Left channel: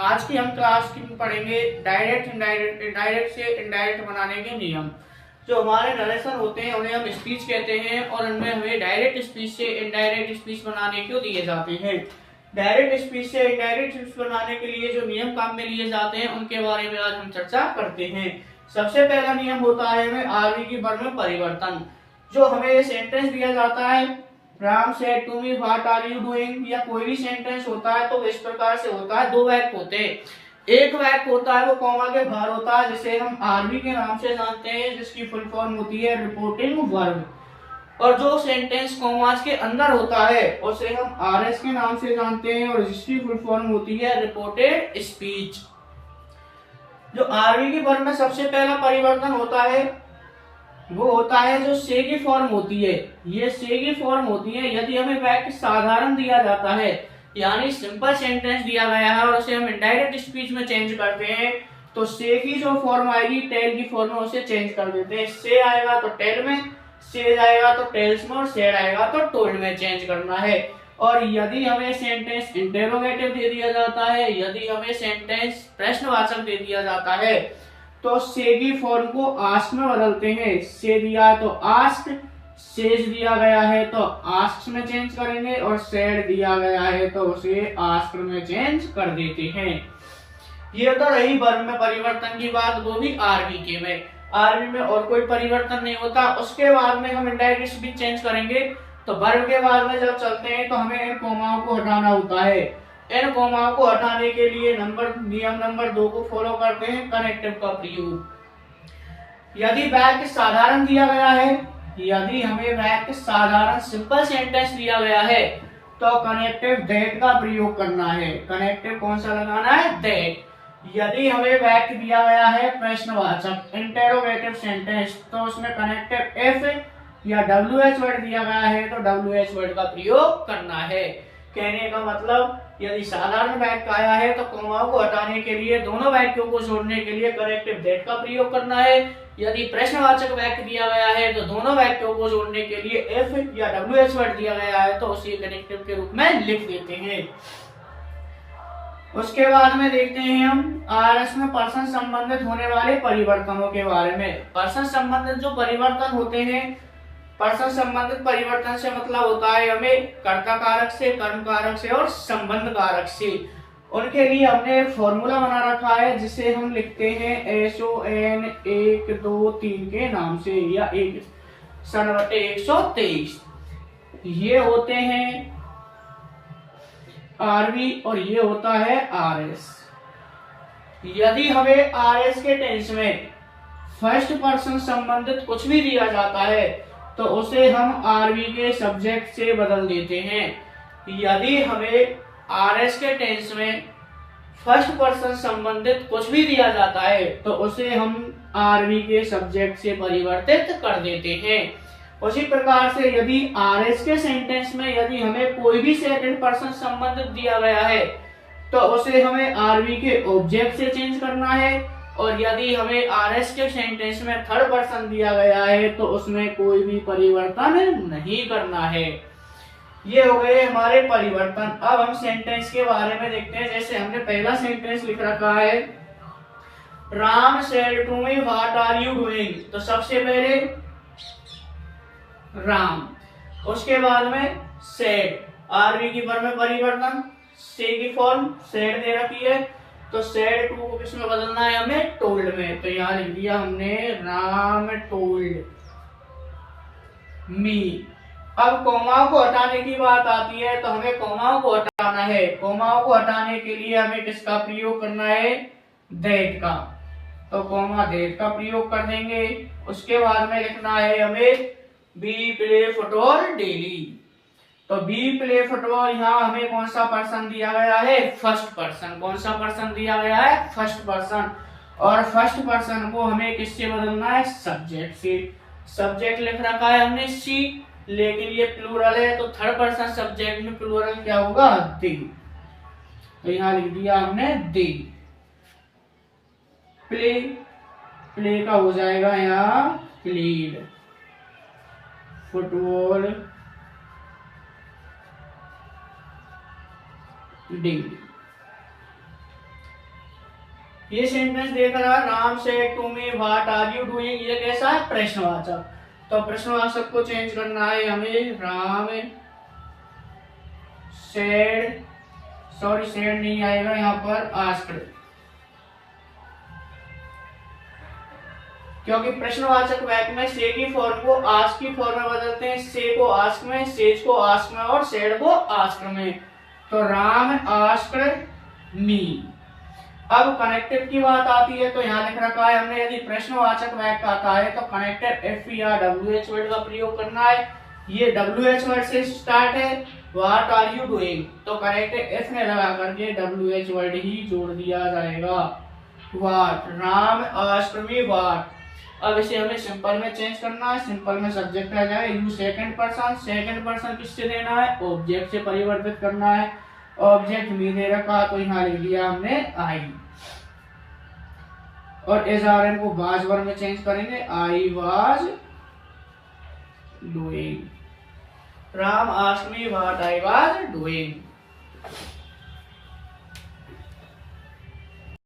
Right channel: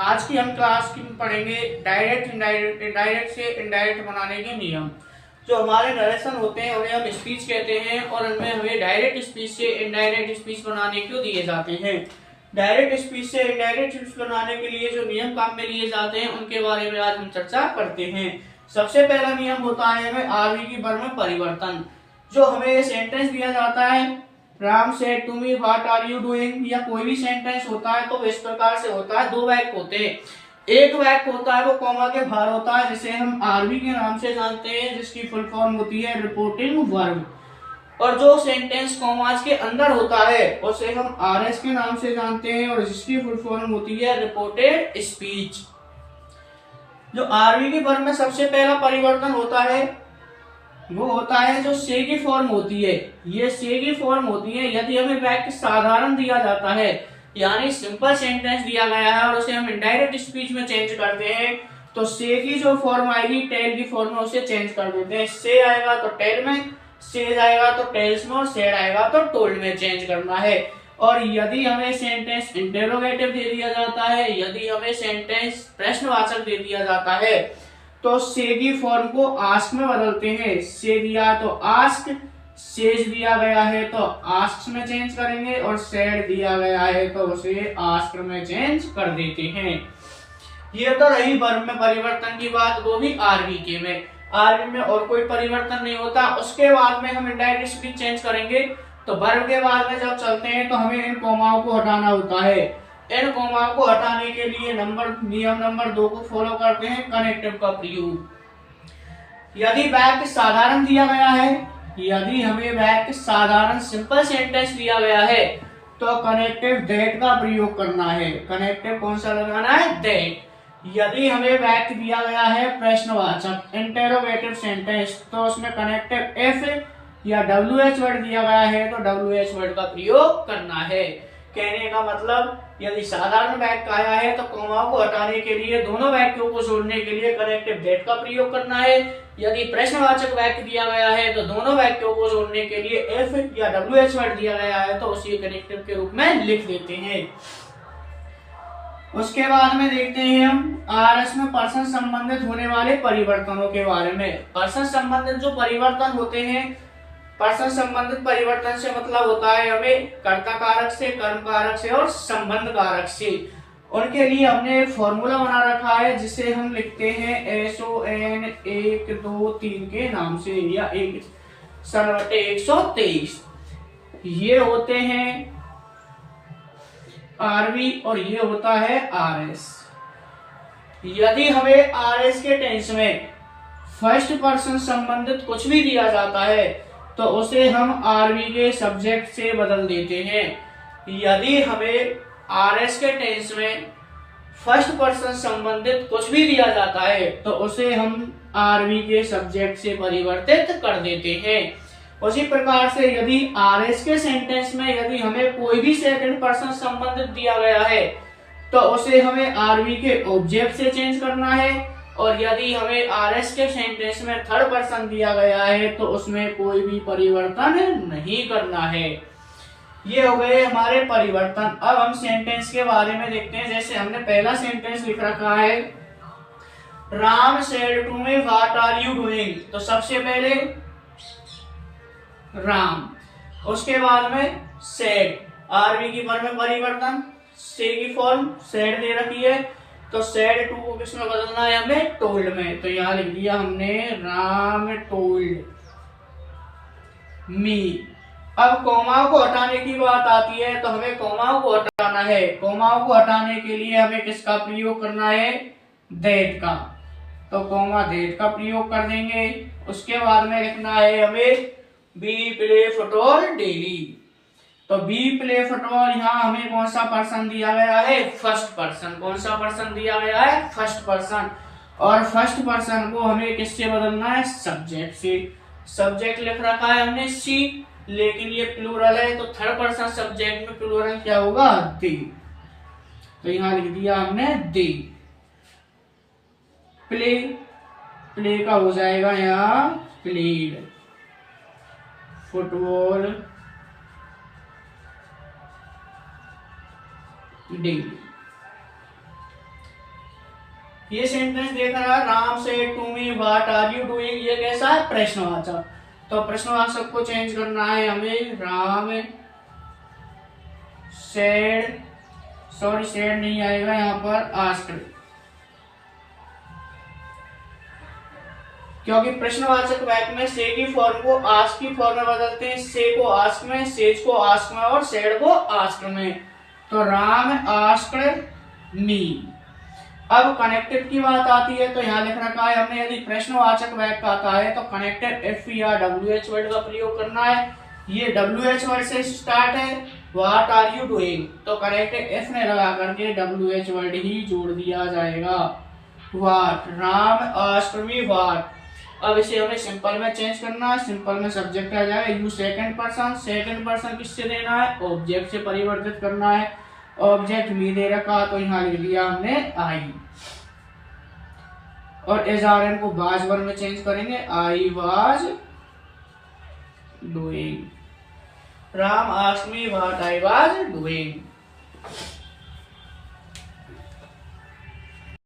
आज की हम क्लास की पढ़ेंगे डायरेक्ट इनडायरेक्ट इनडायरेक्ट से इनडायरेक्ट बनाने के नियम। जो हमारे नरेशन होते हैं उन्हें हम स्पीच कहते हैं और उनमें हमें डायरेक्ट स्पीच से इनडायरेक्ट स्पीच बनाने को दिए जाते हैं। डायरेक्ट स्पीच से इनडायरेक्ट स्पीच बनाने के लिए जो नियम काम में लिए जाते हैं उनके बारे में आज हम चर्चा करते हैं। सबसे पहला नियम होता है हमें आरवी की वर्ग में परिवर्तन। जो हमें सेंटेंस दिया जाता है, Ram said to me what are you doing, या कोई भी सेंटेंस होता है तो इस प्रकार से होता है। दो वाक्य होते हैं, एक वाक्य होता है वो कॉमा के बाहर होता है जिसे हम आरवी के नाम से जानते हैं, जिसकी फुल फॉर्म होती है रिपोर्टिंग वर्ब। और जो सेंटेंस कॉमास के अंदर होता है उसे हम आरएस के नाम से जानते हैं और जिसकी फुल फॉर्म होती है रिपोर्टेड स्पीच। जो आरवी की वर्ब में सबसे पहला परिवर्तन होता है वो होता है जो से की फॉर्म होती है। ये से की फॉर्म होती है यदि हमें वाक्य साधारण दिया जाता है, यानी सिंपल सेंटेंस दिया गया है और उसे हम इनडायरेक्ट स्पीच में चेंज करते हैं, तो से की जो फॉर्म आएगी टेल की फॉर्म में उसे चेंज कर देते हैं। से आएगा तो टेल में, से आएगा तो टेल्स में और सेड आएगा तो टोल्ड में चेंज करना है। और यदि हमें सेंटेंस इंटेरोगेटिव दे दिया जाता है, यदि हमें सेंटेंस प्रश्नवाचक दे दिया जाता है, तो से की फॉर्म को आस्क में बदलते हैं। से दिया तो आस्क, सेज दिया गया है तो आस्क में चेंज करेंगे और सेड दिया गया है तो उसे आस्क में चेंज कर देते हैं। ये तो रही वर्ब में परिवर्तन की बात, वो भी आरवी के में। आरवी में और कोई परिवर्तन नहीं होता। उसके बाद में हम इनडायरेक्ट स्पीच चेंज करेंगे। तो वर्ब के बाद में जब चलते हैं तो हमें इन कोमाओं को हटाना होता है। इन कोमाओं को हटाने के लिए नियम नंबर 2 को फॉलो करते हैं, कनेक्टिव का प्रयोग। यदि वाक्य साधारण दिया गया है, यदि हमें वाक्य साधारण सिंपल सेंटेंस दिया गया है तो कनेक्टिव दैट का प्रयोग करना है। कनेक्टिव कौन सा लगाना है? दैट। यदि हमें वाक्य दिया गया है प्रश्नवाचक इंटेरोगेटिव सेंटेंस, तो उसमें कनेक्टिव एफ या WH वर्ड दिया गया है तो WH वर्ड का प्रयोग करना है। कहने का मतलब यदि साधारण वाक्य आया है तो कोमाओं को हटाने के लिए, दोनों वाक्यों को जोड़ने के लिए कनेक्टिव दैट का प्रयोग करना है। यदि प्रश्नवाचक वाक्य दिया गया है तो दोनों वाक्यों को जोड़ने के लिए एफ या WH वर्ड दिया गया है तो उसी कनेक्टिव के रूप में लिख देते हैं। उसके बाद में देखते हैं हम आरएस में पर्सन संबंधित होने वाले परिवर्तनों के बारे में। पर्सन संबंधित जो परिवर्तन होते हैं, पर्सन संबंधित परिवर्तन से मतलब होता है हमें कर्ता कारक से, कर्म कारक से और संबंध कारक से। उनके लिए हमने एक फॉर्मूला बना रखा है जिसे हम लिखते हैं SON 1 2 3 के नाम से, या 1/123। ये होते हैं आरवी और ये होता है आरएस। यदि हमें आरएस के टेंस में फर्स्ट पर्सन संबंधित कुछ भी दिया जाता है तो उसे हम आरवी के सब्जेक्ट से बदल देते हैं। यदि हमें आरएस के टेंस में फर्स्ट पर्सन संबंधित कुछ भी दिया जाता है तो उसे हम आरवी के सब्जेक्ट से परिवर्तित कर देते हैं। उसी प्रकार से यदि आरएस के सेंटेंस में यदि हमें कोई भी सेकंड पर्सन संबंधित दिया गया है तो उसे हमें आरवी के ऑब्जेक्ट से चेंज करना है। और यदि हमें आरएस के सेंटेंस में थर्ड पर्सन दिया गया है तो उसमें कोई भी परिवर्तन नहीं करना है। ये हो गए हमारे परिवर्तन। अब हम सेंटेंस के बारे में देखते हैं। जैसे हमने पहला सेंटेंस लिख रखा है, Ram said to me what are you doing, तो सबसे पहले राम, उसके बाद में सेड, आरवी की वर्ब में परिवर्तन, से की फॉर्म सेड दे रखी है तो सेड टू को किसमें बदलना है? हमें टोल्ड में। तो यहां लिख दिया हमने राम टोल्ड मी। अब कोमाओं को हटाने की बात आती है तो हमें कोमाओं को हटाना है। कोमाओं को हटाने के लिए हमें किसका प्रयोग करना है? दैट का। तो कोमा दैट का प्रयोग कर देंगे। उसके बाद में लिखना है हमें बी प्ले फुटबॉल डेली। तो बी प्ले फुटबॉल, यहाँ हमें कौन सा पर्सन दिया गया है? First person. कौन सा पर्सन दिया गया है? First person. और फर्स्ट पर्सन को हमें किससे बदलना है? सब्जेक्ट से। सब्जेक्ट लिख रखा है हमने सी, लेकिन ये प्लूरल है तो थर्ड पर्सन सब्जेक्ट में प्लूरल क्या होगा? दी। तो यहाँ लिख दिया हमने दी। प्ले, प्ले का हो जाएगा यहाँ प्लेड। Football daily. ये सेंटेंस देख रहा है, Ram said to me what are you doing, ये कैसा है, प्रश्नवाचक। तो प्रश्नवाचक को चेंज करना है हमें, राम सेड, सॉरी सेड नहीं आएगा यहाँ पर, आस्क्ड, क्योंकि प्रश्नवाचक वाक्य में से की फॉर्म को आस्क की फॉर्म में बदलते हैं, से को आस्क में, सेज को आस्क में और सेड को आस्क में। तो राम आस्क्ड मी। अब कनेक्टेड की बात आती है तो यहाँ लिख रखा है हमने, यदि प्रश्नवाचक वाक्य आता है तो कनेक्टेड एफ या WH वर्ड का प्रयोग करना है। ये WH वर्ड से स्टार्ट है, व्हाट आर यू डूइंग, तो कनेक्टेड एफ ने लगा करके WH वर्ड ही जोड़ दिया जाएगा, what, Ram asked me what. अब इसे हमें सिंपल में चेंज करना है, सिंपल में सब्जेक्ट आ जाएगा, you second person, second person किससे देना है, ऑब्जेक्ट से परिवर्तित करना है, ऑब्जेक्ट मी दे रखा तो यहाँ लिख दिया हमने आई, और एसआरएम को वाज वर्ब में चेंज करेंगे, I was doing, Ram asked me what I was doing.